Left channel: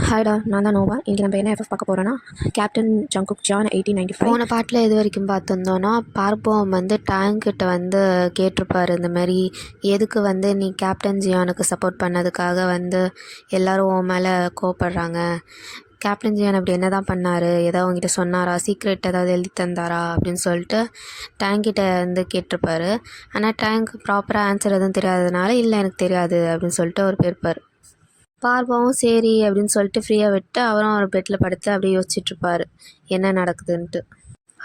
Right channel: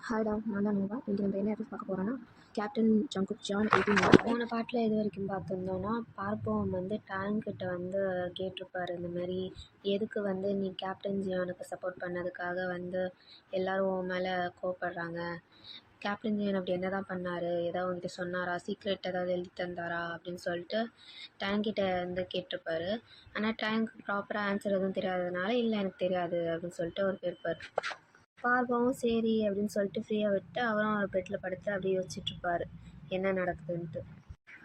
ஹாய்டா, நான் தான் நோவா. இன்றைக்கி நம்ம என்ன எஃப்எஃப் பார்க்க போகிறோன்னா, கேப்டன் ஜங்குக் ஜான் 1895. போன பாட்டில் எது வரைக்கும் பார்த்துருந்தோன்னா, பார்ப்போம் வந்து டேங்க்கிட்ட வந்து கேட்டிருப்பாரு இந்த மாதிரி, எதுக்கு வந்து நீ கேப்டன் ஜியானுக்கு சப்போர்ட் பண்ணதுக்காக வந்து எல்லோரும் உன் மேலே கோவப்படுறாங்க, கேப்டன் ஜியான் அப்படி என்ன தான் பண்ணார், ஏதாவது உங்ககிட்ட சொன்னாரா, சீக்ரெட் ஏதாவது எழுதி தந்தாரா அப்படின்னு சொல்லிட்டு டேங்க்கிட்ட வந்து கேட்டிருப்பாரு. ஆனால் டேங்க் ப்ராப்பராக ஆன்சர் எதுவும் தெரியாததுனால, இல்லை எனக்கு தெரியாது அப்படின்னு சொல்லிட்டு அவர் போயிருப்பார். பார்ப்பவும் சரி அப்படின்னு சொல்லிட்டு ஃப்ரீயாக விட்டு அவரும் ஒரு பெட்டில் படுத்து அப்படியே யோசிச்சுட்ருப்பார் என்ன நடக்குதுன்ட்டு.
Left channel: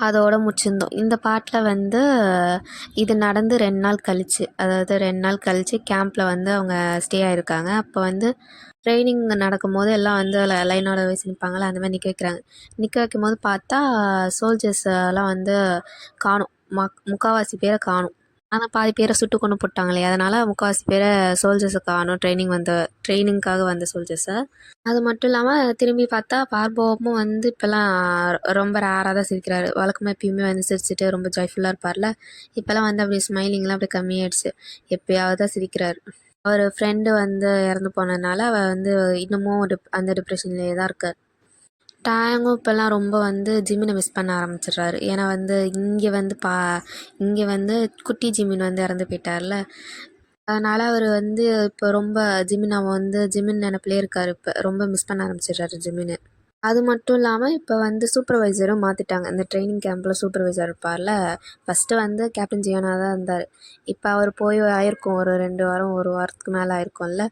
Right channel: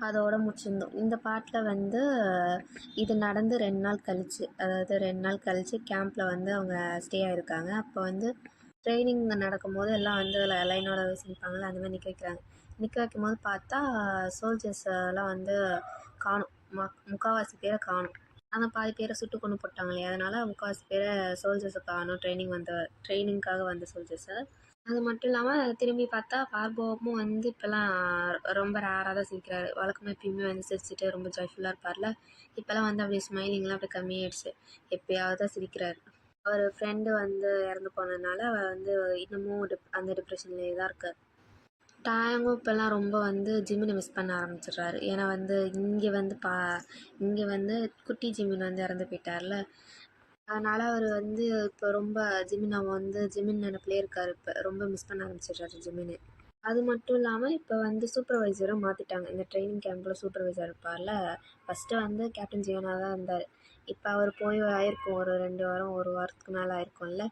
அதோடு முடிச்சிருந்தோம். இந்த பாட்டில் வந்து இது நடந்து 2 நாள் கழிச்சு, அதாவது 2 நாள் கழித்து கேம்பில் வந்து அவங்க ஸ்டே ஆகிருக்காங்க. அப்போ வந்து ட்ரைனிங் நடக்கும்போது எல்லாம் வந்து லைனோட வச்சு நிற்பாங்களே, அந்த மாதிரி நிற்க வைக்கிறாங்க. நிற்க வைக்கும் போது பார்த்தா சோல்ஜர்ஸ் எல்லாம் வந்து காணும், முக்கால்வாசி பேரை காணும். ஆனால் பாதி பேரை சுட்டு கொண்டு போட்டாங்களே, அதனால் முக்கால்வாசி பேரை சோல்ஜர்ஸை காணும், ட்ரைனிங்காக வந்த சோல்ஜர்ஸை. அது மட்டும் இல்லாமல் திரும்பி பார்த்தா பார்போவும் வந்து இப்போல்லாம் ரொம்ப ரேராக தான் சிரிக்கிறாரு. வழக்கமாக எப்பயுமே வந்து சிரிச்சுட்டு ரொம்ப ஜாய்ஃபுல்லாக இருப்பார்ல, இப்போல்லாம் வந்து அப்படி ஸ்மைலிங்லாம் அப்படி கம்மியாயிடுச்சு, எப்போயாவது தான் சிரிக்கிறாரு. அவர் ஃப்ரெண்டு வந்து இறந்து போனதுனால அவர் வந்து இன்னமும் அந்த டிப்ரெஷன்லேயே தான் இருக்கார். டேங்கும் இப்போல்லாம் ரொம்ப வந்து ஜிம்மினை மிஸ் பண்ண ஆரம்பிச்சிடுறாரு. ஏன்னா வந்து இங்கே வந்து குட்டி ஜிமின் வந்து இறந்து போயிட்டார்ல, அதனால் அவர் வந்து இப்போ ரொம்ப ஜிமின் நினப்பிலே இருக்கார். இப்போ ரொம்ப மிஸ் பண்ண ஆரம்பிச்சிடுறாரு ஜிமினை. அது மட்டும் இல்லாமல் இப்போ வந்து சூப்பர்வைசரும் மாற்றிட்டாங்க. இந்த ட்ரைனிங் கேம்பில் சூப்பர்வைசர் இருப்பார்ல, ஃபஸ்ட்டு வந்து கேப்டன் ஜியானா தான் இருந்தார். இப்போ அவர் போய் ஆயிருக்கும் ஒரு 2 வாரம் 1 வாரத்துக்கு மேலே ஆயிருக்கும்ல.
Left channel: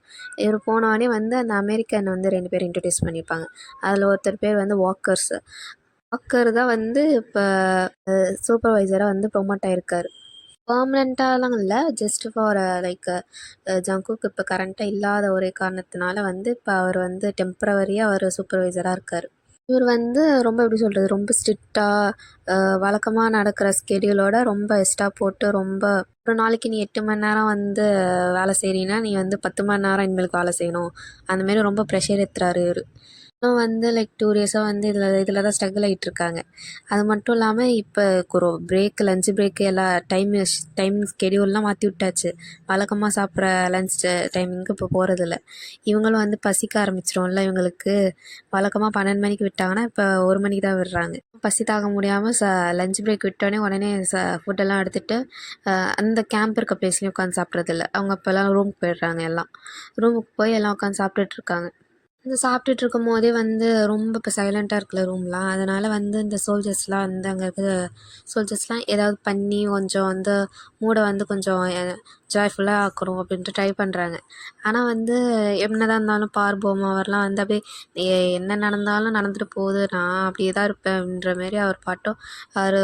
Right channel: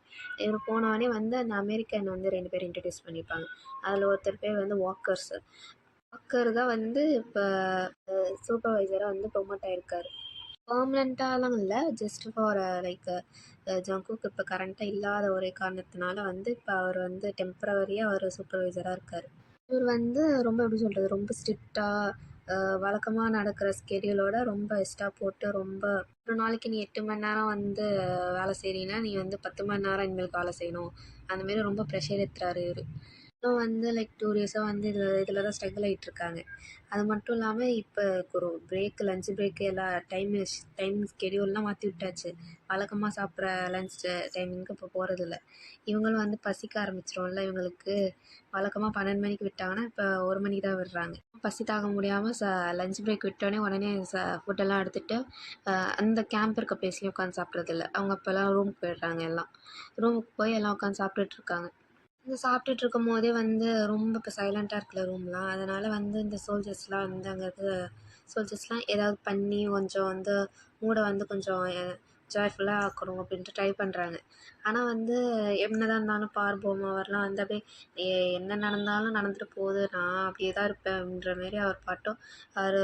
இவர் போனோடனே வந்து அந்த அமெரிக்கன் வந்து 2 பேர் இன்ட்ரடியூஸ் பண்ணியிருப்பாங்க. அதில் ஒருத்தர் பேர் வந்து வாக்கர் தான் வந்து இப்போ சூப்பர்வைசராக வந்து ப்ரொமோட் ஆகிருக்காரு. பெர்மனெண்ட்டாலாம் இல்லை, ஜஸ்ட் ஃபார் லைக் ஜங்குக் இப்போ கரண்ட்டாக இல்லாத ஒரே காரணத்தினால வந்து இப்போ அவர் வந்து டெம்ப்ரவரியாக அவர் சூப்பர்வைசராக இருக்கார். இவர் வந்து ரொம்ப எப்படி சொல்கிறது, ரொம்ப ஸ்ட்ரிக்டாக வழக்கமாக நடக்கிற ஸ்கெடியூலோட ரொம்ப எக்ஸ்ட்ரா போட்டு ரொம்ப ஒரு நாளைக்கு நீ 8 மணி நேரம் வந்து வேலை செய்கிறீன்னா நீ வந்து 10 மணி நேரம் இனிமேலுக்கு வேலை செய்யணும், அந்தமாரி ரொம்ப ப்ரெஷர் ஏற்றுறாரு இவர். வந்து லைக் 2 டேஸாக வந்து இதில் தான் ஸ்ட்ரகிள் ஆகிட்டுருக்காங்க. அது மட்டும் இல்லாமல் இப்போ ஒரு லஞ்ச் பிரேக்கு எல்லாம் டைம் ஸ்கெடியூல்லாம் மாற்றி விட்டாச்சு. வழக்கமாக சாப்பிட்ற லஞ்ச் டைமிங்க்கு இப்போ போகிறதில்ல. இவங்களும் வந்து பசிக்க ஆரம்பிச்சிடும்ல இவங்களுக்கு. வழக்கமாக 12 மணிக்கு விட்டாங்கன்னா இப்போ 1 மணிக்கு தான் விடுறாங்க. பசி தாங்க முடியாமல் லஞ்ச் பிரேக் உடனே ஃபுட்டெல்லாம் எடுத்துகிட்டு அந்த கேம்ப் இருக்க பிளேஸ்லேயும் உட்காந்து சாப்பிட்றதில்ல. அவங்க இப்போல்லாம் ரூமுக்கு போயிடுறாங்க. எல்லாம் ரூமுக்கு போய் எல்லாம் உட்காந்து சாப்பிட்டுட்ருக்காங்க. இந்த சாப்பிட்டுட்டு இருக்கும் போதே வந்து ரொம்ப இப்போ சைலண்ட்டாக இருக்குல்ல ரூம்லாம், அதனால் வந்து இந்த சோல்ஜர்ஸ்லாம் வந்து அங்கே இருக்கிற சோல்ஜர்ஸ்லாம் ஏதாவது பண்ணி கொஞ்சம் வந்து மூடை வந்து கொஞ்சம் ஜாய்ஃபுல்லாக ஆக்கணும் அப்படின்ட்டு ட்ரை பண்ணுறாங்க. ஆனால் வந்து என்னதான் இருந்தாலும் பார்போம் அவர்லாம் வந்து அப்படியே என்ன நடந்தாலும் நடந்துட்டு போகுது, நான் அப்படியே தான் இருப்பேன் அப்படின்ற மாரி அவர் பாட்டும் அவர்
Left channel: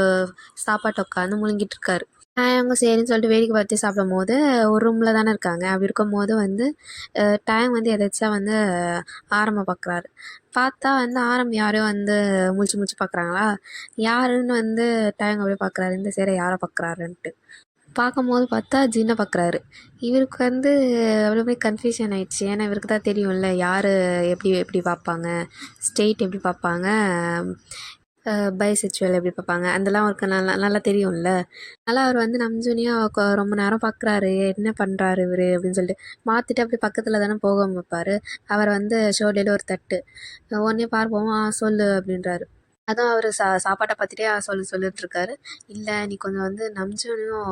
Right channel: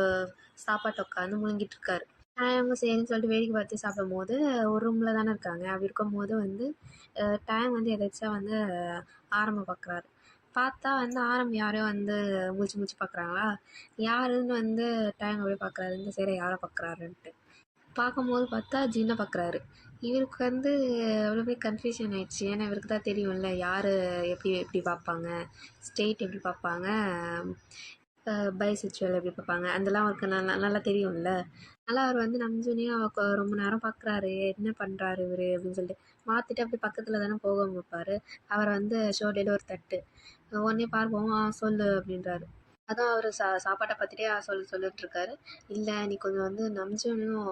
சாப்பாட்டை உட்காந்து முழுங்கிட்டு இருக்காரு. அவங்க சரின்னு சொல்லிட்டு வேடிக்கை பார்த்து சாப்பிடும்போது ஒரு ரூமில் தானே இருக்காங்க. அப்படி இருக்கும்போது வந்து டேங் வந்து எதாச்சா வந்து ஆரம்ப பார்க்குறாரு. பார்த்தா வந்து யாரையோ வந்து முழிச்சு பார்க்குறாங்களா, யாருன்னு வந்து டேங் அப்படியே பார்க்குறாரு, இந்த சைடை யாரை பார்க்குறாருன்ட்டு. பார்க்கும்போது பார்த்தா ஜின்னை பார்க்குறாரு. இவருக்கு வந்து அப்படியே கன்ஃபியூஷன் ஆகிடுச்சு. ஏன்னா இவருக்கு தான் தெரியும்ல யார் எப்படி எப்படி பார்ப்பாங்க, ஸ்டேட் எப்படி பார்ப்பாங்க, பைசெக்சுவல் எப்படி பார்ப்பாங்க, அதெல்லாம் அவருக்கு நல்லா தெரியும்ல. அதனால் அவர் வந்து நம்ஜூனியாக ரொம்ப நேரம் பார்க்குறாரு, என்ன பண்ணுறாரு இவர் அப்படின்னு சொல்லிட்டு மாற்றிட்டு அப்படி பக்கத்தில் தானே போக வைப்பார். அவரை வந்து ஷோல்டரில் ஒரு தட்டு, உடனே பார்ப்போம் சொல்லு அப்படின்றாரு. அதுவும் அவர் சாப்பாட்டை பார்த்துட்டே சொல்லிட்டுருக்காரு. இல்லை நீ கொஞ்சம் வந்து நம்ஜூனையும்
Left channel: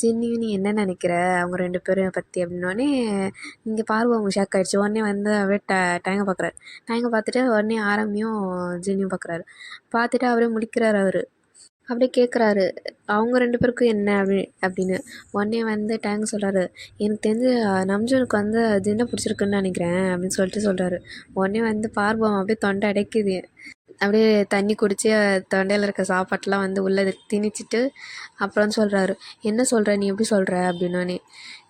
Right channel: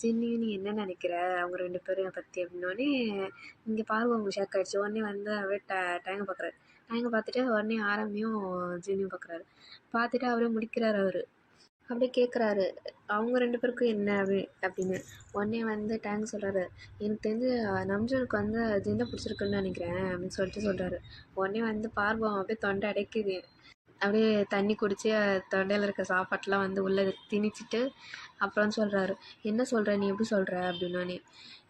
ஜின்னியும் நீ என்ன நினைக்கிற அவங்க 2 பேரும் பற்றி அப்படின்னோடனே இங்கே அவங்க ஷாக் ஆகிடுச்சு. உடனே வந்து அப்படியே டேங்கை பார்க்குறாரு. டேங்கை பார்த்துட்டு உடனே ஆரம்பியும் ஜின்னியும் பார்க்குறாரு. பார்த்துட்டு அவரே முடிக்கிறார். அவர் அப்படியே கேட்குறாரு அவங்க 2 பேருக்கும் என்ன அப்படின்னு. உடனே வந்து டேங்க் சொல்கிறாரு, எனக்கு தெரிஞ்சு நம்ஜூனுக்கு வந்து ஜின்னை பிடிச்சிருக்குன்னு நினைக்கிறேன் அப்படின்னு சொல்கிறாரு. உடனே வந்து பார்வம் அப்படியே தொண்டை அடைக்குது. அப்படியே தண்ணி குடித்து தொண்டையில் இருக்க சாப்பாட்டெலாம் வந்து உள்ளே திணிச்சிட்டு அப்புறம் சொல்கிறாரு, என்ன சொல்கிற நீ எப்படி சொல்கிற அப்படின்னோடனே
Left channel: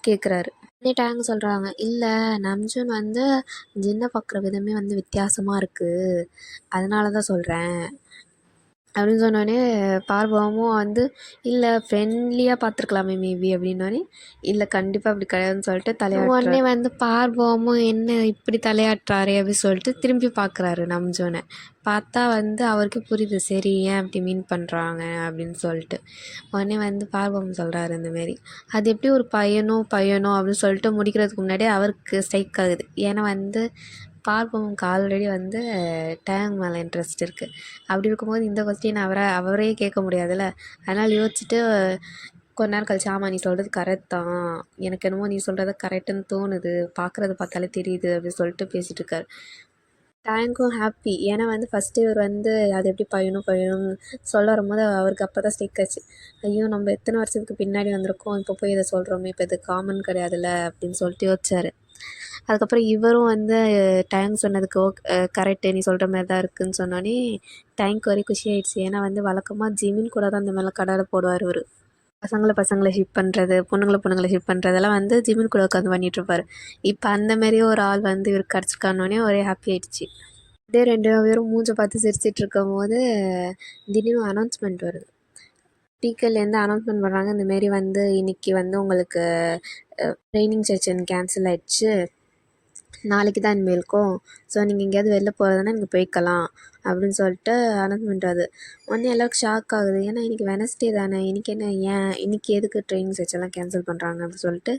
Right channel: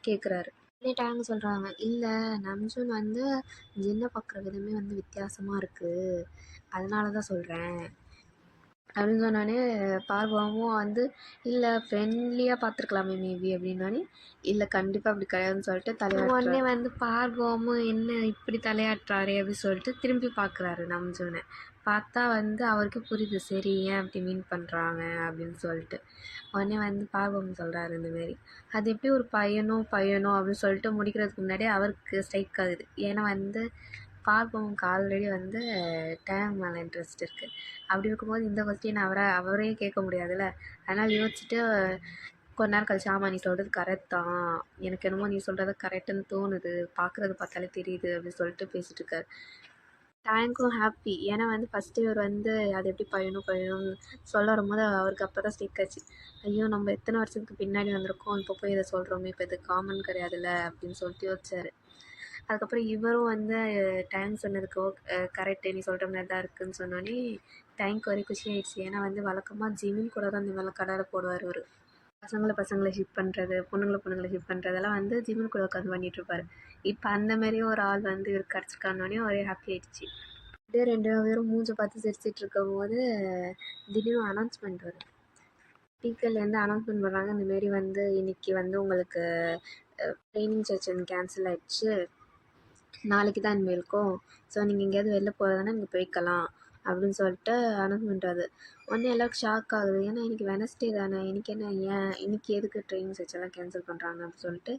கேட்குறாரு. உடனே டேங் சொல்கிறாங்க, இல்லை நம்ஜூன் வந்து ஜின்னை பார்க்குற விதமே வந்து வித்தியாசமாக இருக்குது, அதனால தான் சொல்கிறேன் அப்படின்னு சொன்னோடனே பார்வமும் வந்து இல்லை ஃப்ரெண்ட்லியாக பார்த்துருக்கலாமே மேபி அப்படின்னோடனே இல்லை கண்டிப்பாக அப்படி கிடையாதுன்னு சொல்லிட்டு தலையாட்டு. உடனே வந்து பார்வமும் என்ன இப்படி தலையாட்டுறாரே அப்படின்னு சொல்லிட்டு திரும்பி பார்க்குறாரு நம்ஜோனை. பார்த்தா வந்து அவருக்கு புரியுது, சரி ஏன் அப்படி மீன் பண்ணுறாங்க அப்படின்னு சொல்லிட்டு. உடனே வந்து பார்வம் சொல்கிறாரு இந்தமாரி, அது எப்படி ஒரு பையனோ அப்படின்னு சொல்லிட்டு முடிக்கிறதுக்கு முன்னாடியே அவருக்கு ஸ்ட்ரைக் ஆகுது. ஏன்னா வந்து பார்ப்பவனுக்கு ஆல்ரெடி வந்து டேங் மேலே இன்ட்ரெஸ்ட் இருக்குது. அப்படி இருக்கும்போது இந்த கொஸ்டின் அவரே கேட்க முடியாதுல்ல. அதனால் யோசிச்சுட்டு கொஞ்ச நேரம் கழிச்சு, ஆமாம் நீ சொல்கிறது கரெக்ட் தான், எனக்கு என்னமோ நீ சொல்கிறது கரெக்டுன்னு தோணுது, பார்க்குறது பார்த்தாலே தெரியுது அப்படின்னு சொல்லிட்டு பேசிகிட்டு இருக்காரு. டேங்க்கும் ஹாப்பி. ஏன்னா வந்து ஃபஸ்ட்டு இவர் வந்து அது எப்படி பயணும்னு சொல்ல வரும்போது அவருக்கு அப்போ தான் ஸ்டிக் ஆச்சு. ஐயோ நம்ம எத்தனை வருஷத்துக்கு பின்னாடி வந்திருக்கோம், இப்போ போய் இதை சொல்கிறோமே, இப்போ இது காமன் கிடையாதுல்ல அப்படின்னு சொல்லிட்டு யோசிச்சார். அதுக்கப்புறம் இவரும் வந்து டைம் சொன்னதுக்கு கரெக்டு நீ சொல்கிற மாதிரி தான் இருக்குதுன்னு சொன்னோன்னே டைம்க்கு வரை குஷி ஆயிடுச்சு. ஏன்னா வந்து வழக்கமாக ஜிமின் கூட தான் இந்த மாதிரிலாம் கடலில் போடுவார் இவர். பசங்களை ஷிப் பண்ணுறது, பொண்ணுங்களை ஷிப் பண்ணுறதெல்லாம் வந்து ஜிமின் கூட உட்காந்து பண்ணிகிட்ருப்பார். இப்போ அந்தமாரி ஒரு ஆள் வந்து இவருக்கு கிடச்சிருக்கானோடனே ஒரே ஹாப்பி ஆயிடுச்சு. இதே 2 பேரும் மூஞ்ச பார்த்து சிரிச்சிட்டு இருக்கும்போது திடீர்னு அனௌன்ஸ்மெண்ட் வருது. ஸ்பீக்கர்லேருந்து அனௌன்ஸ்மெண்ட் பண்ணுறாங்க, இந்தமாரி வந்து இன்றைக்கி வந்து உங்களுக்கு ட்ரைனிங் செஷன் கேன்சல் ஆயிடுச்சு, நாளைக்கு தான் இனிமேல் இருக்கும். ஸோ நீங்கள் எங்கேயாவது வெளில போகிறதுனா நீங்கள் போய்க்கலாம் அப்படின்னு சொல்லிட்டு அனௌன்ஸ்மெண்ட் ஆகுது. உடனே எல்லாருக்கும் ஷாக் ஆகுது. ஏன்னா இன்றைக்கி வெனஸ்டே தானே, இன்றைக்கி என்ன ஏன் இன்றைக்கி எதுக்கு ட்ரைனிங் செஷன்லாம் கேன்சல் பண்ணுறாங்க அப்படின்னு சொல்லிட்டு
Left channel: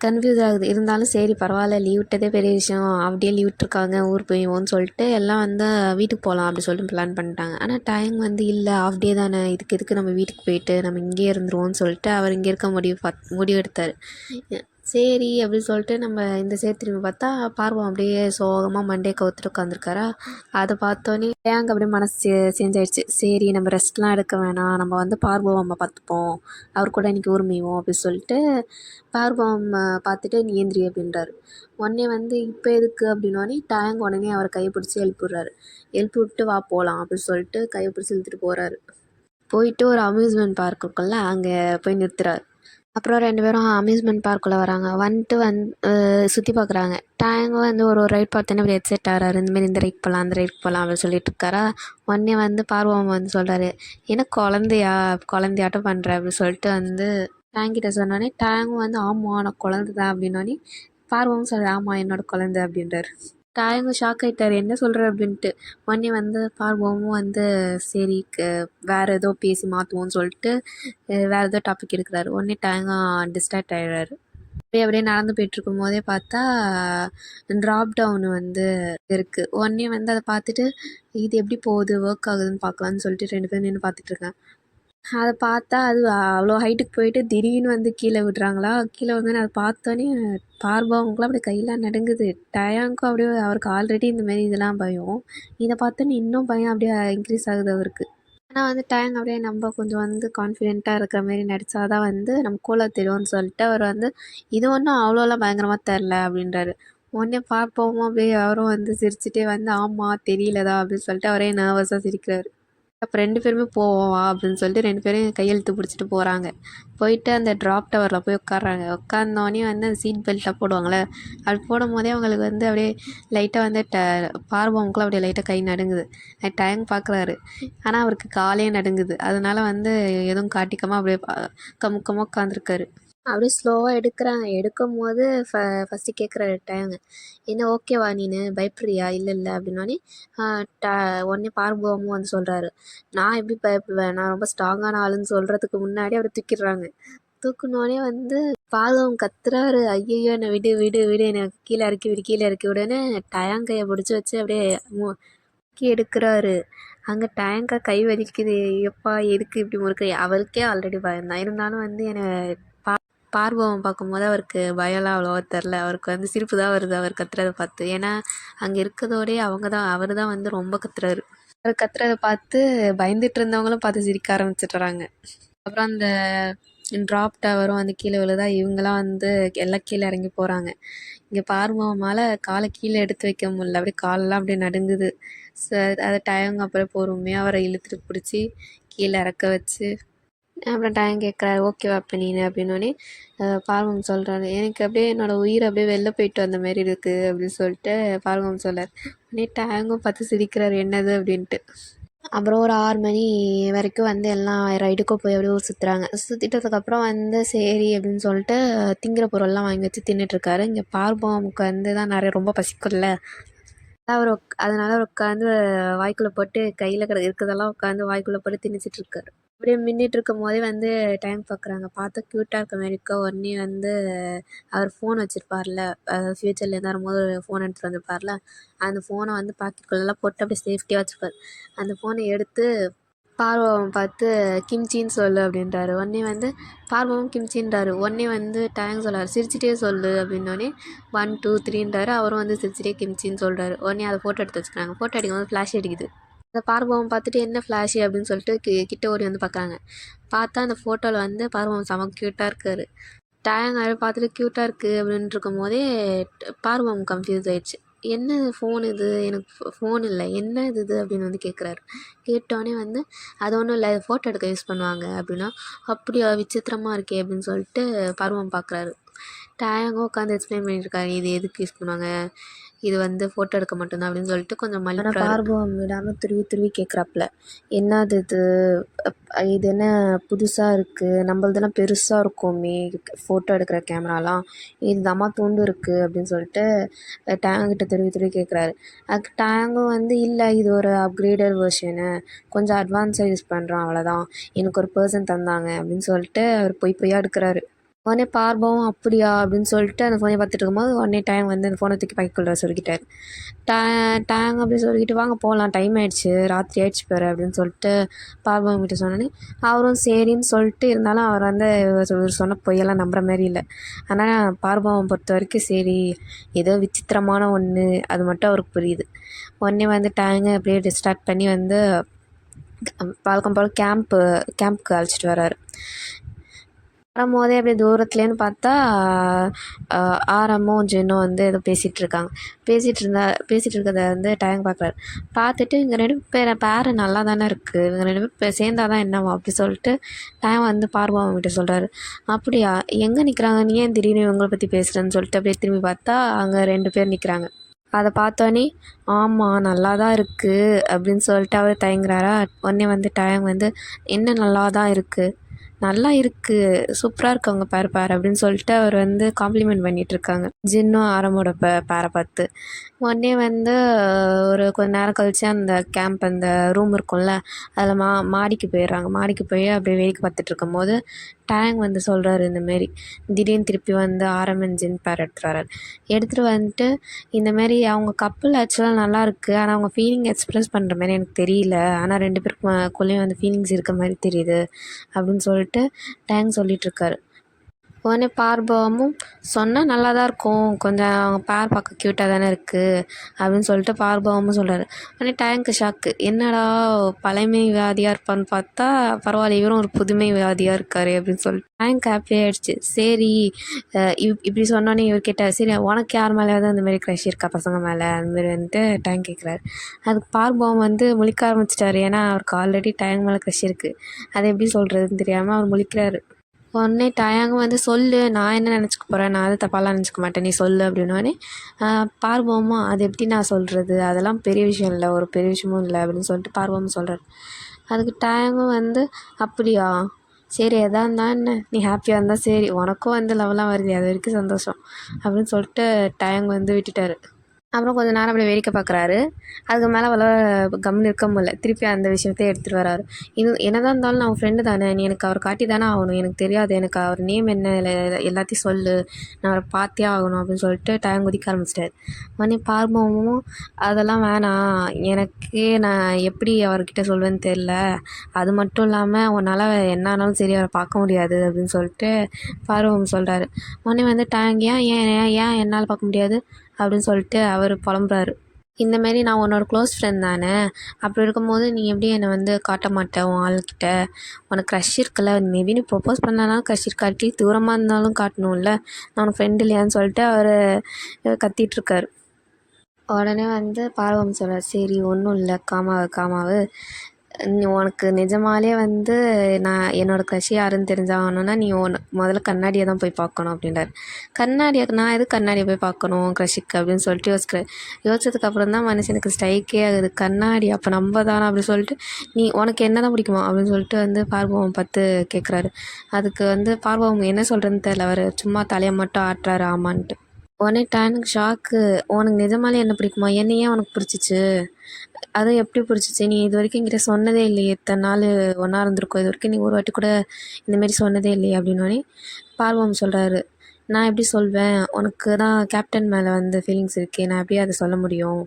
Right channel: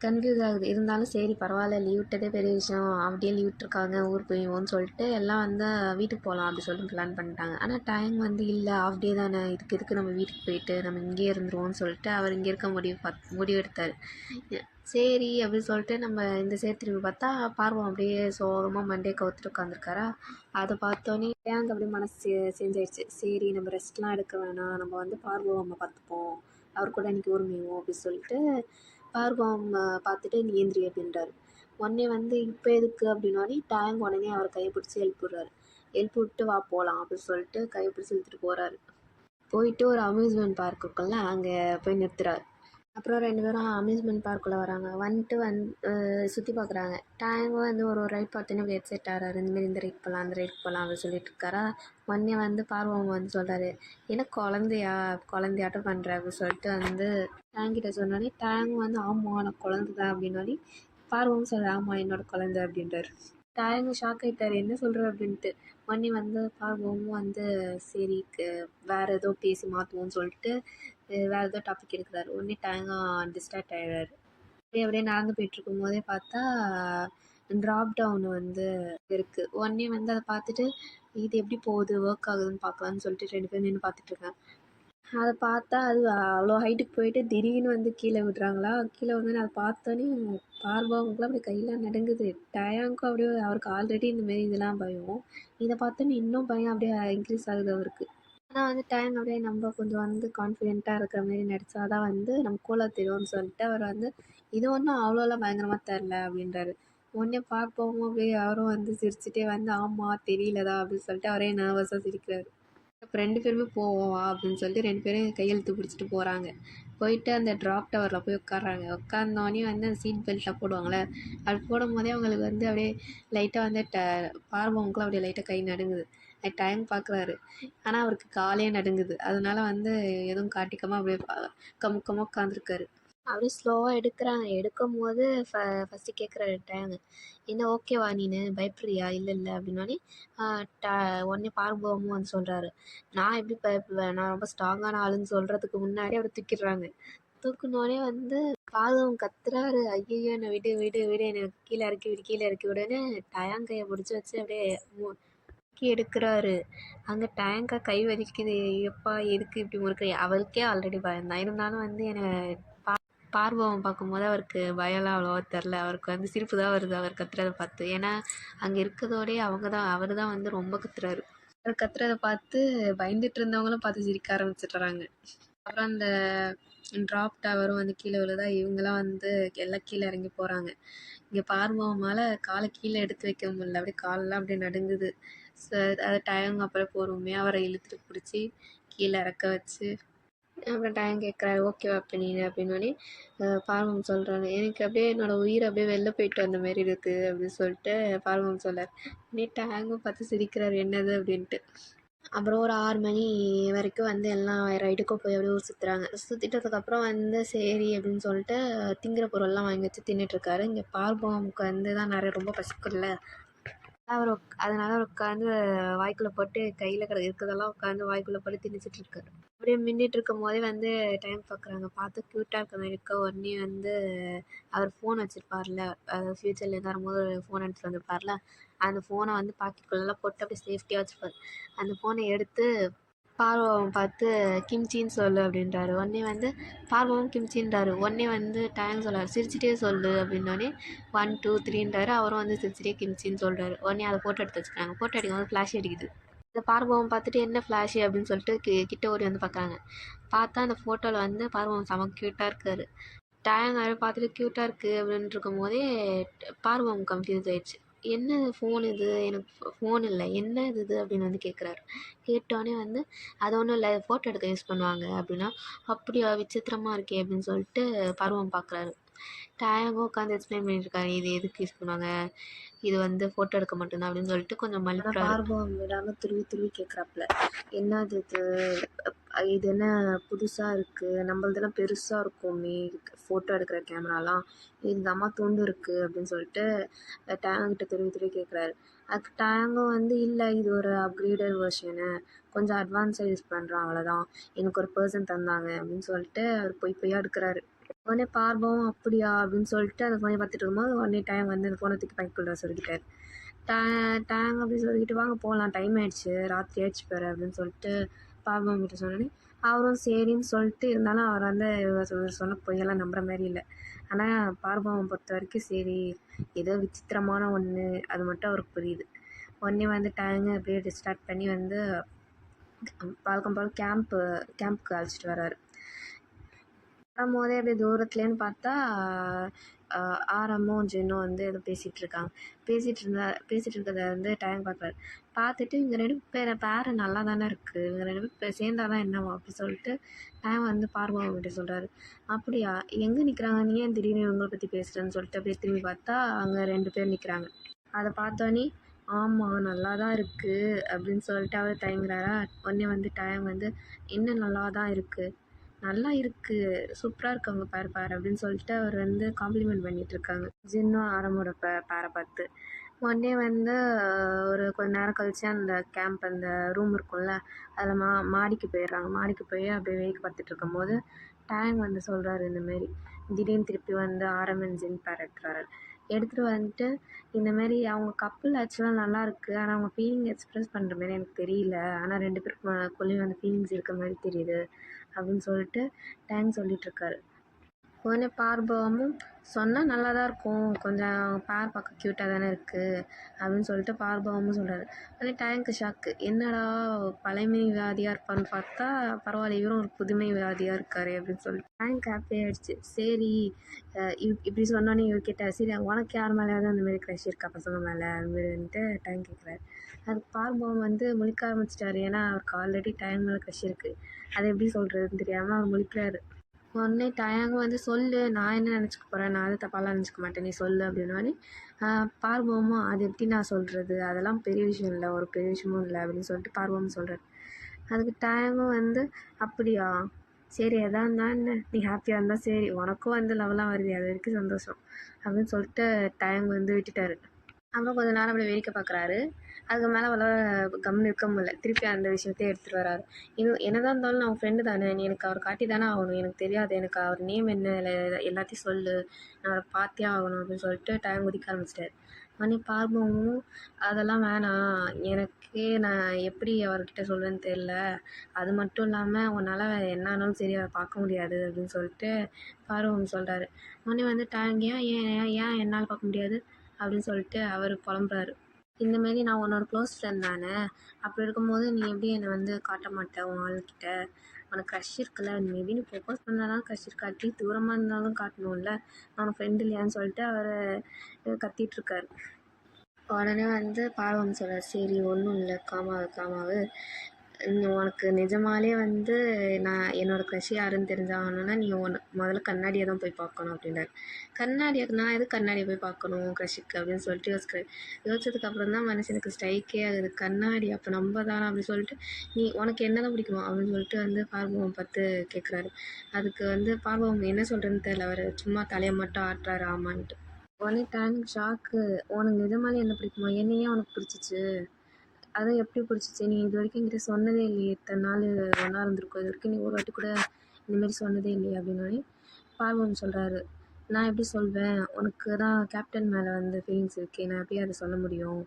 கன்ஃபியூஸ் ஆகுது. இருந்தாலும் சரி பரவாயில்ல, லீவ் விட்டதே பெரிய விஷயம், அப்படியே லீவ் விட்டுருக்காங்க ஊர் போய்வோன்னு சொல்லிட்டு எல்லாம் வந்து வீட்டுக்கு போகலாம் அப்படி சொல்லிட்டு பிளான் பண்ணிட்டாங்க. ஆனால் டைம் வந்து இல்லை, ஆஃப் டே தானே, இதுக்கு எதுக்கு நம்ம வீட்டுக்கு போயிட்டு நம்ம இங்கேயே இருந்துருவோம்னு சொல்லிட்டு அவர் இங்கே இருக்க முடிவு எடுத்தார். சரி அப்படின்னு சொல்லிட்டு நம்ம இந்த சைடு திரும்பி பார்த்தா பார்வம் அப்படியே சோகமாக மண்டே கவுத்துட்டு உட்காந்துருக்காரா. அதை பார்த்தோன்னே ஏங்க அப்படியே மனசு சேஞ்ச் ஆயிடுச்சு. சரி நம்ம ரெஸ்ட்லாம் எடுக்க வேணாம், நம்ம வந்து பார்வம் நம்ம பார்த்துப்போம், அவர் கூட இன்றைக்கி ஊர்மைவோம் அப்படின்னு சொல்லிட்டு பார்வம் பார்த்துட்டு நீ ஏந்திரி அப்படின்றாரு. உடனே வந்து இப்போ எதுக்கு அப்படின்னோடனே டேங் உடனே அவர் கையை பிடிச்சி எழுப்பிடுறாரு. எழுப்பி விட்டு வா போகலாம் அப்படின்னு சொல்லிட்டு கையை பிடிச்சி இழுத்துட்டு போகிறாரு. போயிட்டு ஒரு அம்யூஸ்மெண்ட் பார்க் இருக்குல்ல, அங்கே போய் நிறுத்துறாரு. அப்புறம் 2 பேரும் அம்யூஸ்மெண்ட் பார்க்குள்ளே வராங்க. வந்துட்டு சுற்றி பார்க்குறாங்க. டேங்கும் வந்து ஒரு ரைட் பார்த்தோன்னே இப்படி ஹெட்செட் ஆகிறாரு, இந்தமாரி இந்த ரைட் போகலாம் அந்த ரைட் போகலாம் அப்படின்னு சொல்லிட்டு இருக்காரா. உடனே வந்து பார்வம் வந்து சொல்கிறாரு, என்ன குழந்தையாட்டம் பண்ணுற அப்படின்னு சொல்லிட்டு வந்து டேங்கிட்ட சொன்னோடனே டேங்கும் வந்து ஆமாம் நான் குழந்தை தான் அப்படின்னோடனே பார்வம் சொல்கிறார், ஆமாம் என்னோட குழந்தை அப்படின்றாரு. டேங்கும் ஷாக் ஆகிட்டார், என்ன சொல்கிற அப்படின்ட்டு. உடனே வந்து பார்வமும் வந்து சரி வேறு ஏதோ பேசி மாற்றுவோன்னு சொல்லிட்டு வேறு ஏதோ டாபிக் எடுக்கிறாரு. உடனே டேங்கும் டிஸ்ட்ராக்ட் ஆகிடுறாரு. அப்படியே நடந்து போயிட்டுருக்கும் போதே பார்த்தா ட்ராப் டவுன் வந்து இருக்குது. உடனே வந்து அதை பார்த்துட்டு இது எப்படி போகுது, ஒர்க் ஆகுதுன்னு பார்க்கலான்னு சொல்லிட்டு 2 பேரும் நின்று பார்த்துட்ருக்கேன். அதை பார்த்தா அது அவ்வளோ ஹைட்டுக்கு போயிட்டு திடீர்னு வந்து கீழே விடுறாங்களா. கீழே வந்தோடனே அதை பார்த்தோன்னே பார்வவங்களுக்குலாம் அப்படியே கையெல்லாம் நடுங்குது. டயாங்க்கும் அப்படியே அவருக்கு ஆல்ரெடி இந்தமாரி இதெல்லாம் பயம். இதை பார்த்தோன்னே இன்னும் பயம் அப்படியே இன்க்ரீஸ் ஆகுது அவருக்கு. ஆனால் வந்து டயாங் அப்படியே நம்ம கொஞ்சம் வந்து கான்ஃபிடென்ட்டாக இருக்கிற மாரி நடித்தா தான் வந்து நம்ம கூலாக தெரியும்னு சொல்லிட்டு அவர் வந்து இது ஒன்றும் அவ்வளோலாம் பயங்கரமாக தெரில அப்படின்றாரு. உடனே பார்ப்போம் அப்படியே அவரும் வந்து சிரிச்சுட்டே வந்து ஆமாம் தெரியலதா அப்படின்னு சொல்லிட்டு அவரே நர்வஸாக சிரிக்கிறாரு. அப்போ 2 பேருமே போவோம் வா அப்படின்னு சொல்லிட்டு 2 பேரும் கையெழுத்து பிடிச்சிட்டு போகிறாங்க. போயிட்டு அந்த ட்ராப் டவரில் போய் உட்காடுறாங்க. உட்காந்தோடனே வந்து அந்த சீட் பெல்ட்லாம் போடுவாங்கள்ல, அது போடும் போதே அவங்களுக்கு வந்து அப்படியே லைட்டாக வந்து பார்வமுக்குலாம் அப்படியே லைட்டாக கை நடுங்குது. டைம் பார்க்குறாரு, ஆனால் அவருக்கு காலே நடுங்குது. அதனால வந்து எதுவும் காட்டிக்காமல் அப்படியே கமுக்கமாக உட்காந்துருக்காரு. அப்படியே ஸ்லோவாக எடுக்கிறாங்க. எடுக்கும்போது ஃபஸ்ட்டு கேட்குறாரு டேங்கு, என்ன ஓகேவா நீனு, பயப்படுறியா, இல்லை அப்படின்னோடனே ட உடனே பார்வமும் வந்து சொல்கிறாரு, நான் எப்படி பயப்படுவேன், நான் ரொம்ப ஸ்ட்ராங்கான ஆளுன்னு சொல்கிறதுக்கு முன்னாடி அப்படியே தூக்கிடுறாங்க. தூக்குனோடனே வந்து பார்வம் கத்துறாரு, ஐயையோ என்னை விடு விடு விடு, என்னை கீழே இறக்கி விடு கீழே இறக்கி விடுன்னு டயங்கையை பிடிச்சி வச்சு அப்படியே முறுக்கி எடுக்கிறாரு. அங்கே டேங்கா கை வலிக்குது, எப்பா எதுக்கு இப்படி முறுக்கு. அவருக்கே ஆல்ரெடி பயம்தான், இருந்தாலும் வந்து என்னை பார்வம் பார்க்கும்போது அவருக்கு பயம்லாம் அவ்வளோவா தெரில. அவருக்கு வந்து சிரிப்பு தான் வருது அவர் கத்துறதை பார்த்து. ஏன்னா அங்கே இருக்கிறதோடே அவர் தான் வந்து ரொம்ப கத்துறாரு. அவர் கத்துறதை பார்த்து பயந்துட்டு இருந்தவங்களும் பார்த்து சிரிக்க ஆரம்பிச்சிடுறாங்க. அப்புறம் அந்த ட்ராப் டவரும் வந்து கீழே விழுதா, இவங்களாம் வந்து எல்லாம் கீழே இறங்கி போகிறாங்க. இங்கே பார்வமால் காலை கீழே எடுத்து வைக்க முடியல, அப்படியே காலெல்லாம் அப்படியே நடுங்குது. அதை டைம் அப்புறம் பொறுமையாக அவரை இழுத்துட்டு பிடிச்சி கீழே இறக்க வச்சு அப்புறம் டைம் கேட்குறாரு, ஓகேவா இப்போ நீனு அப்படின்னோடனே பார்வம் சொல்கிறாரு, எனக்கு அப்படியே என்னோடய உயிர் அப்படியே வெளில போயிட்டு வந்த மாரி இருக்குது அப்படின்னு சொல்லிட்டு பார்வம் சொல்கிறார். உடனே டேங்கும் பார்த்து சிரிக்கிறார், என்னது அப்படின்ட்டு. அப்புறம் ஒரு 6 மணி வரைக்கும் வந்து எல்லாம் ரைடுக்கும் போய் அப்படியே ஊர் சுற்றுறாங்க. சுற்றிட்டதுக்கப்புறம் வந்து சரி அப்படின்னு சொல்லிட்டு திங்கிற பொருள்லாம் வாங்கி வச்சு தின்னுட்ருக்காரு. இங்கே பார்வமுக்கு வந்து தான் நிறைய ரொம்ப பசிக்கும்ல, அதனால அவர் உட்காந்து வாய்க்குள்ளே போட்டு கையில் இருக்கிறதெல்லாம் உட்காந்து வாய்க்குள்ளே போட்டு திணிச்சிட்டு இருக்காரு. அப்படியே மின்னிட்டு இருக்கும் போதே வந்து டைம் பார்க்குறாங்க. பார்த்தா க்யூட்டாக இருக்க மாரி இருக்க. உடனே வந்து அவர் ஃபோன் வச்சுருப்பார்ல, அதாவது ஃப்யூச்சர்லேருந்து வரும்போது ஃபோன் எடுத்துகிட்டு வந்திருப்பார்ல, அந்த ஃபோனை வந்து பாக்கெட்டுக்குள்ளெல்லாம் போட்டு அப்படியே சேஃப்டியாக வச்சுருப்பாரு. அந்த ஃபோனை எடுத்து பார்வம் பார்த்து கிம்ச்சின்னு சொல்லு அப்படின்றாரு. உடனே வந்து பார்வமும் கிம்ச்சின்றாரு. உடனே வந்து டேங் சொல்கிறார், சிரிச்சிட்டே சொல்லு அப்படின்னோடனே 1 2 3ன்றாரு. அவரும் வந்து சிரிச்சிட்டே கிம்ச்சின்னு சொல்கிறாரு. உடனே அதை ஃபோட்டோ எடுத்து வச்சுக்கிறாங்க. ஃபோட்டோ அடிக்கும்போது ஃப்ளாஷ் அடிக்குது. அந்த பார்வம் பார்த்துட்டு என்ன ஃப்ளாஷு அப்படின்னு சொல்லிட்டு கிட்ட ஓடி வந்து பார்க்குறாங்க. பார்த்தா அந்த ஃபோட்டோவில் வந்து பார்வம் செம க்யூட்டாக இருக்காரு. டேங் அதை பார்த்துட்டு க்யூட்டாக இருக்குது அப்படின்ட்டு இருக்கும் போதே பார்வம் கன்ஃபியூஸ் ஆயிடுச்சு. என்ன ஃபோன் இது, எனக்கு ஃபோன் இல்லை, என்ன இது அப்படின்னு வந்து கேட்குறாரு. கேட்டோடனே வந்து அது ஒன்றும் இல்லை, ஃபோட்டோ எடுக்க யூஸ் பண்ணுவாங்க அப்படின்னா, அப்படியா விசித்திரமாக இருக்கே அப்படின்னு சொல்லிட்டு பருவம் பார்க்குறாரு. டேங்கும் உட்காந்து எக்ஸ்பிளைன் பண்ணிட்டுருக்காரு, இது எதுக்கு யூஸ் பண்ணுவாங்க, இது வந்து ஃபோட்டோ எடுக்க மட்டும்தான் அப்படின்னு சொல்லிட்டு கொஞ்சம் மல்லிப்பாரு. பார்வம் விடாமல் துருவி துருவி கேட்குறாப்புல, என்னது இது, இது என்ன புதுசாக இருக்குது, நம்மளதெல்லாம் பெருசாக இருக்குமே ஃபோட்டோ எடுக்கிற கேமராலாம், இது அம்மா துண்டு இருக்குது அப்படின்னு சொல்லிட்டு டேங்கிட்ட துருவி துருவி கேட்குறாரு. அதுக்கு டேங்கும் வந்து இல்லை, இது ஒரு அப்கிரேடட் வெர்ஷனு, கொஞ்சம் அட்வான்ஸாக யூஸ் பண்ணுறான் அவ்வளோதான், எனக்கு ஒரு பர்சன் தந்தாங்க அப்படின்னு சொல்லிட்டு அவர் பொய்யா எடுக்கிறாரு. உடனே பார்வம் அப்படியா அப்படின்னு சொல்லிட்டு அந்த ஃபோனை பார்த்துட்டு இருக்கும்போது உடனே டேங் வந்து அந்த ஃபோனை தூக்கி பைக்குள்ளே சொல்லிக்கிட்டாரு. டேங் அப்படி சொல்லிக்கிட்டு வாங்க போகலாம், டைம் ஆயிடுச்சு, ராத்திரி ஆயிடுச்சு பாரு அப்படின்னு சொல்லிட்டு பார்வம் கிட்ட சொன்னோன்னே அவரும் சரின்னு சொல்லிட்டு, இருந்தாலும் அவர் வந்து இவர் சொன்ன பொய்யெல்லாம் நம்புற மாதிரி இல்லை. ஆனால் பார்வம் பொறுத்த வரைக்கும் சரி, ஏதோ விசித்திரமான ஒன்று அது மட்டும் அவருக்கு புரியுது. உடனே வந்து டேங்கை அப்படியே டிஸ்ட்ராக்ட் பண்ணி வந்து வழக்கம் போல் கேம்ப்புக்கு அழைச்சிட்டு வர்றாரு. வரும்போதே அப்படியே தூரத்துலேருந்து பார்த்தா ஆரமும் ஜென்னும் வந்து ஏதோ பேசிகிட்டு இருக்கிறத வந்து டேங் பார்க்குறாரு. பார்த்துட்டு இவங்க 2 பேர் நல்லா தானே இருக்குது, இவங்க 2 பேர் சேர்ந்தா தான் என்னவா அப்படி சொல்லிட்டு டேங் வந்து பார்வம் கிட்ட சொல்கிறாரு. அப்படியா, எங்கே நிற்கிறாங்க, நீ ஏன் திடீர்னு இவங்களை பற்றி பேசுகிறேன்னு சொல்லிட்டு அப்படியே திரும்பி பார்த்தா அங்கே 2 பேர் நிற்கிறாங்க. அதை பார்த்தோன்னே ஆமாம் நல்லா தான் இருக்குது அப்படின்னு சொல்லிட்டு அவர் தயங்குறாரா. உடனே வந்து டேங் வந்து என்ன நல்லா தான் இருக்குது, நல்லா இருக்குது, சூப்பராக இருக்கு அவங்க பேர் அப்படின்னு சொல்லிட்டு அவர் வந்து காம்ப்ளிமெண்ட் பண்ணிகிட்ருக்காங்க ஜின்னும் ஆரமோட பேரை பார்த்து. உடனே வந்து ஒரு கொஞ்ச நேரம் கழிச்சு அந்த அந்த ரூம் இருக்கும்ல, அதில் மாடிக்கு போயிடுறாங்க. மாடிக்கு போய் அப்படியே வேடிக்கை பார்த்துட்டு இருக்கும்போது டேங் வந்து சொல்கிறாரு, இந்தமாரி திடீர்னு திருப்பி வந்து ஆரம் அண்ட் ஜின் பேர் எடுத்துகிட்டு வந்துட்டு இந்தமாரி அவங்க கப்பல் ஆக்சுவலாக நல்லா இருக்குது, ஆனால் அவங்க ஃபீலிங் எக்ஸ்ப்ரெஸ் பண்ணுற மாதிரி எனக்கு தெரியல, ஆனால் 2 பேருக்குள்ளேயும் வந்து ஃபீலிங்ஸ் இருக்க மாதிரி தெரியுது அப்படின்னு சொல்லிட்டு டேங் சொல்லிகிட்ருக்காரு. உடனே பார்பவமும் சொன்னால் நல்லா தான் இருக்கும், கொஞ்சம் அவங்க பேர் பார்க்க க்யூட்டாக தானே இருக்குது அப்படின்னு சொல்லிட்டு பார்பவமும் சொல்கிறாரு. உடனே டேங்க்கு ஷாக்கு, என்னடா பழமை வியாதியாக இருப்பான்னு பார்த்தா பரவாயில்ல, இவரும் ஒரு புதுமை வியாதியாக இருக்காரு அப்படின்னு சொல்லிட்டு டேங்க் ஹாப்பி ஆகிடுச்சு. சரி இப்படி சொன்னோன்னே இவர் கேட்டார், சரி உனக்கு யார் மேலேயாவது அந்த மாதிரி க்ரஷ் இருக்கா பசங்க மேலே அந்தமாரி வந்துட்டு டேங்க் கேட்குறாரு. அதுக்கு பார்பவம் வந்து முழிக்க ஆரம்பிச்சிட்டாரு, ஏன்னா அவருக்கு ஆல்ரெடி டேங்க் மேலே க்ரஷ் இருக்குது, அதை எப்படி சொல்கிறதுன்னு தெரியாமல் அவர் முழிக்கிறாரு. உடனே டயாங்கும் வந்து சொல்லு, நான் என்ன நினச்சிக்க போகிறேன், நான் அது தப்பாலாம் நினச்சிக்க மாட்டேன், நீ சொல்லு அப்படின்னோடனே பார்வோமா அது எப்படி நான் சொல்கிறது, அதெல்லாம் பெரிய விஷயம் இல்லை, ஒரு பெரிய விஷயமும் இல்லை அப்படின்னு சொல்லிட்டு பார்வோமும் சொல்கிறார். அதுக்கு டயாங்கும் வந்து அப்படியா, சரி எதா இருந்தால் என்ன, நீ ஹாப்பியாக இருந்தால் சரி, உனக்கும் வந்து லவ்லாம் வருது, அது வரைக்கும் சந்தோஷம் அப்படின்னு சொல்லிட்டு டயாங் வந்து விட்டுட்டார். அப்புறம் கொஞ்சம் நேரம் அப்படியே வேடிக்கை பார்க்குறாரு. அதுக்கு மேலே கம்முன்னு இருக்க முடியல, திருப்பி அந்த விஷயத்தையே எடுத்துகிட்டு வராரு. இது என்னதான் இருந்தாலும் நான் ஃப்ரெண்டு தானே, நீ எனக்கு அவர் காட்டி தானே ஆகணும், எனக்கு தெரியாது, எனக்கு அவர் நேம் என்ன எல்லாத்தையும் சொல்லு, நான் அவரை பார்த்தே ஆகணும் அப்படின்னு சொல்லிட்டு டைம் குதிக்க ஆரம்பிச்சிட்டாரு. மணி பார்ப்போமும் அதெல்லாம் வேணாம், எனக்கே நான் எப்படி அவர்கிட்ட சொல்வேன்னு தெரில, அது மட்டும் இல்லாமல் உன்னால் என்ன ஆனாலும் சரி அவரை பார்க்க முடியாது அப்படின்னு சொல்லிட்டு பார்வம் சொல்கிறாரு. உடனே வந்து டேங் ஏன் ஏன் ஏன் என்னால் பார்க்க முடியாது அப்படின்னு சொல்லிட்டு அவர் புலம்புறாரு. இந்தமாரி நான் உன்னோட க்ளோஸ் ஃப்ரெண்ட் தானே, அப்படி இருக்கும்போது நீ எப்படி என்னை வந்து காட்ட மாட்டேன் உன் ஆள்கிட்ட, உனக்கு க்ரஷ் இருக்குல்ல, மேபி நீ ப்ரொப்போஸ் பண்ணனாலும் க்ரஷ் இருக்காட்டி தூரமாக இருந்தாலும் காட்டணும்ல, நான் உனக்கு ஃப்ரெண்ட் இல்லையான்னு சொல்லிட்டு அவர் கத்திகிட்ருக்காரு. உடனே வந்து பார்வம் சொல்கிறார், சரி ஒன்றும் இல்லை, காமாவு உனக்கு நிஜமாலே வந்து நான் என்னோடய க்ரஷ் யாருன்னு தெரிஞ்சாகணுன்னா நீ முதல்ல கண்ணாடியை தான் போய் பார்க்கணும் அப்படின்றார். நான் எதுக்கு கண்ணாடியை போய் பார்க்கணும் க்ரஷுக்கு அப்படின்னு சொல்லிட்டு யோசிச்சதுக்கப்புறம் தான் மனுஷனுக்கு ஸ்ட்ரைக்கே ஆகுது, கண்ணாடி அப்போ நம்ம தானே அப்படின்னு சொல்லிட்டு, நீ உனக்கு என்ன தான் பிடிக்குமா அப்படின்னு சொல்லிட்டு வந்து பார்வம் பார்த்து கேட்குறாரு. அதுக்கு வந்து பார்வம் என்ன சொல்கிறேன்னு தெரியல, அவர் சும்மா தலையை மட்டும் ஆட்டுறாரு ஆமான்ட்டு. உடனே டேனுக்கு ஷாக்கு. "உனக்கு நிஜமாலே என்ன பிடிக்குமா? என்ன ஏன் உனக்கு பிடிச்சிச்சு? அதுவும் எப்படி பிடிச்சிச்சு? நீ இதுவரைக்கும் என்கிட்ட சொன்னதே இல்லையே! இத்தன நாளு ஒண்ணா இருந்திருக்கோம். இதுவரைக்கும் நீ ஒரு வாட்டி கூட இந்த மாரி சொன்னதே இல்லையே!" அப்படின்னோனே, பார்வம் சொல்றாரு, "நான் எப்படி சொல்வேன்? உனக்கு தான் கேப்டன் மேல வந்து ஃபீலிங்ஸ் இருக்கே! நான் எப்படி அத சொல்ல முடியும்?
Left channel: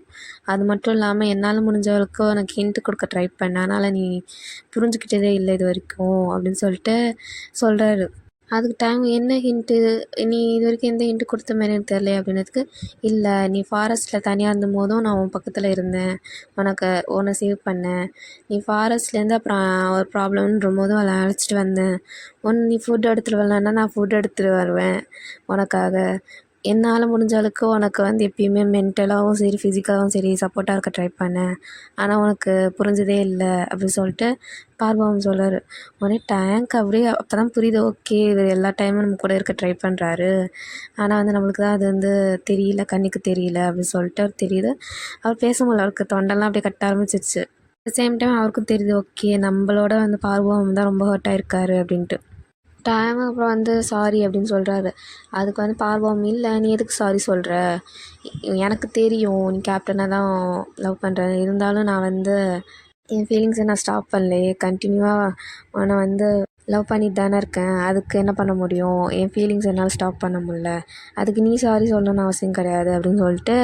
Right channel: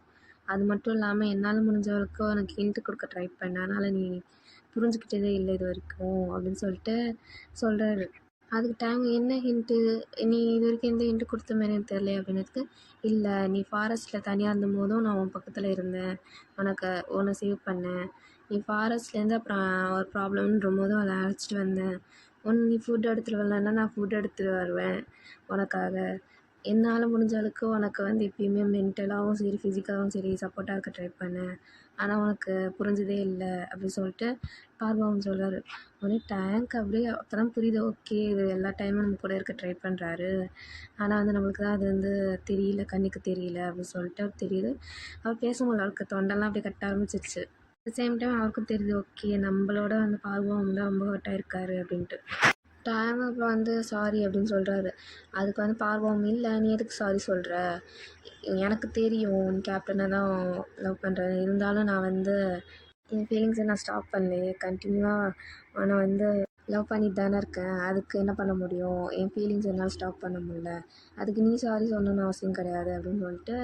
அது மட்டும் இல்லாம என்னால முடிஞ்ச வரைக்கும் உனக்கு ஹிண்ட் குடுக்க ட்ரை பண்ணேன். ஆனாலும் நீ புரிஞ்சுக்கிட்டதே இல்ல இதுவரைக்கும்." அப்படின்னு சொல்லிட்டு சொல்றாரு. அதுக்கு டைம் "என்ன ஹிண்ட்டு? நீ இதுவரைக்கும் எந்த ஹிண்ட்டு குடுத்த மாரி எனக்கு தெரியலையே" அப்படின்னதுக்கு, "இல்ல நீ ஃபாரஸ்ட்ல தனியா இருந்தபோதும் நான் உன் பக்கத்துல இருந்தேன். உன்ன சேவ் பண்ணேன். நீ ஃபாரஸ்ட்லேருந்து அப்புறம் ஒரு ப்ராப்ளம்ன்றபோதும் அவள அழைச்சிட்டு வந்தேன். நீ ஃபுட் எடுத்துட்டு வரலன்னா நான் ஃபுட் எடுத்துட்டு வருவேன் உனக்காக. என்னால முடிஞ்ச அளவுக்கு உனக்கு வந்து எப்பயுமே மென்டலாவும் சரி, ஃபிசிக்கலாவும் சரி சப்போர்ட்டா இருக்க ட்ரை பண்ணேன். ஆனா உனக்கு புரிஞ்சதே இல்ல." அப்படின்னு சொல்லிட்டு பார்வகம் சொல்றாரு. உடனே டேங்க் அப்படியே அப்பதான் புரியுது. ஓகே, இவரு எல்லா டைமும் நம்ம கூட இருக்க ட்ரை பண்றாரு. ஆனா வந்து நம்மளுக்கு தான் அது வந்து தெரியல, கண்ணுக்கு தெரியல அப்படின்னு சொல்லிட்டு அவருக்கு தெரியுது. அவர் பேச முடியல. அவருக்கு தொண்டெல்லாம் அப்படியே கட்ட ஆரம்பிச்சிருச்சு. அட் த சேம் டைம் அவருக்கும் தெரியுது. ஓகே, நம்மளோட வந்து பார்வகம் தான் ரொம்ப ஹர்ட் ஆயிருக்காரு அப்படின்ட்டு. டைம் அப்புறம் வந்து சாரி அப்படின்னு சொல்றாரு. அதுக்கு வந்து பார்வகம், "இல்ல நீ எதுக்கு சாரி சொல்ற? எனக்கு தெரியும் நீ கேப்டன தான் லவ் பண்றன்னு. இருந்தாலும் நான் வந்து என் ஃபீலிங்ஸை நான் ஸ்டாப் பண்ணலையே. கண்டினியூவா உன்னை வந்து லவ் பண்ணிட்டு தானே இருக்கேன். அதுக்கு என்ன பண்ண முடியும்? என் ஃபீலிங்ஸ் என்னால் ஸ்டாப் பண்ண முடியல. அதுக்கு நீ சாரி சொல்லணும்னு அவசியம் கிடையாது." அப்படின்னு சொல்லிட்டு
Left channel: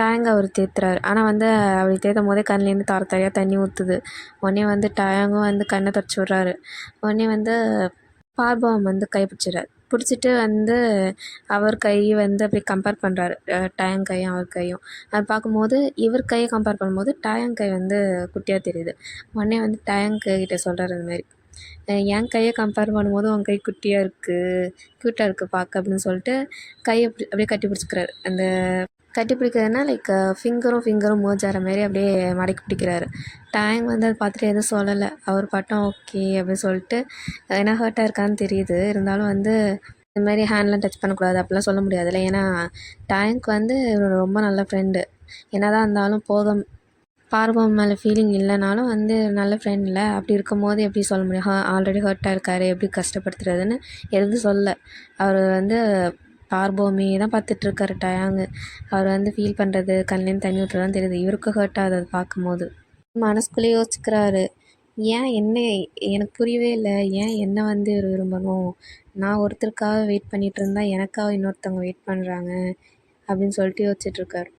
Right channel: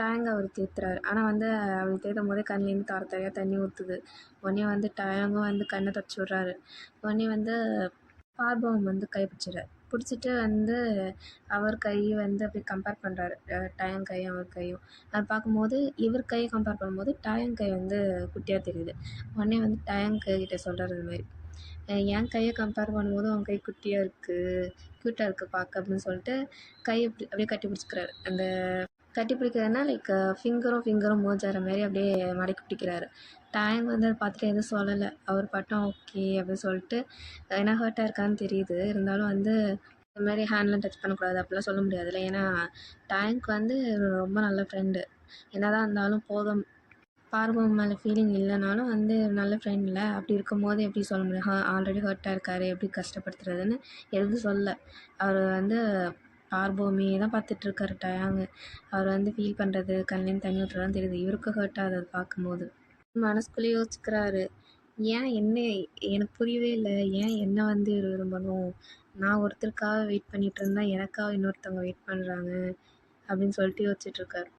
டேங்க் அவர் தேத்துறாரு. ஆனால் வந்து அப்படி தேத்தும் போதே கண்லேருந்து தார தாரையாக தண்ணி ஊற்றுது. உடனே வந்து டேங்கும் வந்து கண்ணை தொடச்சி விட்றாரு. உடனே வந்து பார்பவம் வந்து கை பிடிச்சிடுறாரு. பிடிச்சிட்டு வந்து அவர் கை வந்து அப்படியே கம்பேர் பண்ணுறாரு. டயங் கையும் அவர் கையும். அது பார்க்கும்போது இவர் கையை கம்பேர் பண்ணும்போது டயங் கை வந்து குட்டியாக தெரியுது. உடனே வந்து டயங் கிட்ட சொல்கிறாரு இந்த மாதிரி, என் கையை கம்பேர் பண்ணும்போது உன் கை குட்டியாக இருக்குது, க்யூட்டாக இருக்குது பார்க்க" அப்படின்னு சொல்லிட்டு கையை அப்படியே கட்டி பிடிச்சிக்கிறாரு. அந்த கட்டி பிடிக்கிறதுனா லைக் ஃபிங்கரும் மேர்ஜ் ஆகிற மாரி அப்படியே மடக்கி பிடிக்கிறாரு. டேங் வந்து அதை பார்த்துட்டு எதுவும் சொல்லலை. அவர் பாட்டும் ஓகே அப்படின்னு சொல்லிட்டு, ஏன்னா ஹர்ட் ஆயிருக்கான்னு தெரியுது. இருந்தாலும் வந்து இந்த மாதிரி ஹேண்ட்லாம் டச் பண்ணக்கூடாது அப்படிலாம் சொல்ல முடியாதுல்ல. ஏன்னா டேங்க் வந்து இவரோட ரொம்ப நல்ல ஃப்ரெண்டு. என்னதான் இருந்தாலும் பார்வம் மேலே ஃபீலிங் இல்லைனாலும் வந்து நல்ல ஃப்ரெண்ட் இல்லை. அப்படி இருக்கும்போது எப்படி சொல்ல முடியும்? ஆல்ரெடி ஹர்ட் ஆயிருக்காரு, எப்படி கஷ்டப்படுத்துறதுன்னு எதுவும் சொல்லல. அவர் வந்து பார்போமே தான் பார்த்துட்ருக்காரு டயாங்கு. அவர் வந்து ஃபீல் பண்ணுறது, கண்லேருந்து தண்ணி ஊற்றுறதுலாம் தெரியுது. இவருக்கு ஹர்ட் ஆகுது அது பார்க்கும்போது. மனசுக்குள்ளேயே யோசிச்சுக்கிறாரு. ஏன் என்ன எனக்கு புரியவே இல்ல. ஏன் என்ன வந்து இவரு விரும்பணும்? நான் ஒருத்தருக்காக வெயிட் பண்ணிட்டு இருந்தா, எனக்காக இன்னொருத்தவங்க வெயிட் பண்ணுறாங்க அப்படின்னு சொல்லிட்டு யோசிச்சுட்ருக்காரு.